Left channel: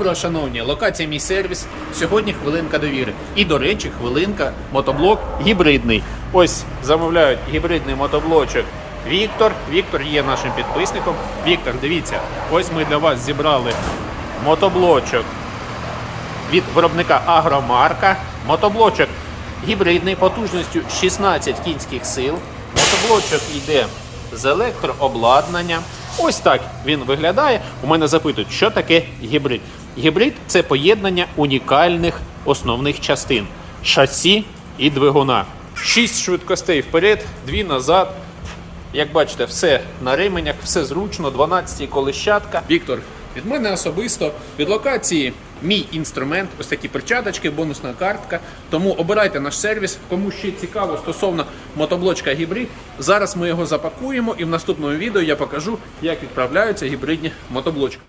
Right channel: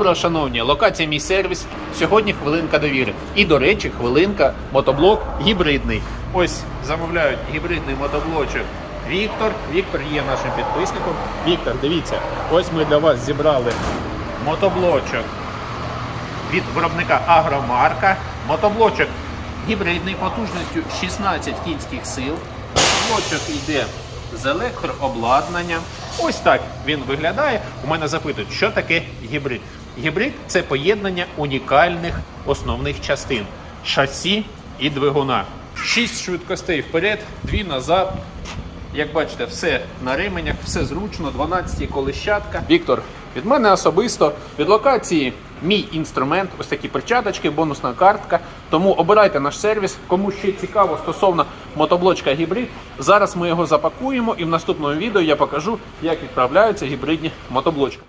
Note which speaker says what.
Speaker 1: Добре, шановні, локація мій сервіс. Сьогодні хвилинка довіри. І, до речі, хвилинка мотоблок гібридний. Ось замовляють гібридний мотоблочок. Віктор. Віктор є нашим підписником. Віктор, дивіться, ось ми для вас зібрали мотоблочок від виробника Агромарка. Мотоблочок гібридний потужністю 16 кінських сил. Мотоблочок йде з електрообладнанням. Ось так він виглядає. У мене запитують, що таке гібрид. Гібрид це поєднання унікальних основних частин шасі і двигуна. Шість швидкостей вперед, дві назад. Як бачите, все на ременях, все зручно, 12 колищатка. Віктор, від мене особисто від локації мій інструмент, ось такі перчаточки, бонусна картка. Тому обирайте наш сервіс. Кому ще цікаво стосовно мотоблочка гібрид. Зараз ми його запакуємо і в наступному відео я покажу, як відправляються гібридні мотоблочки.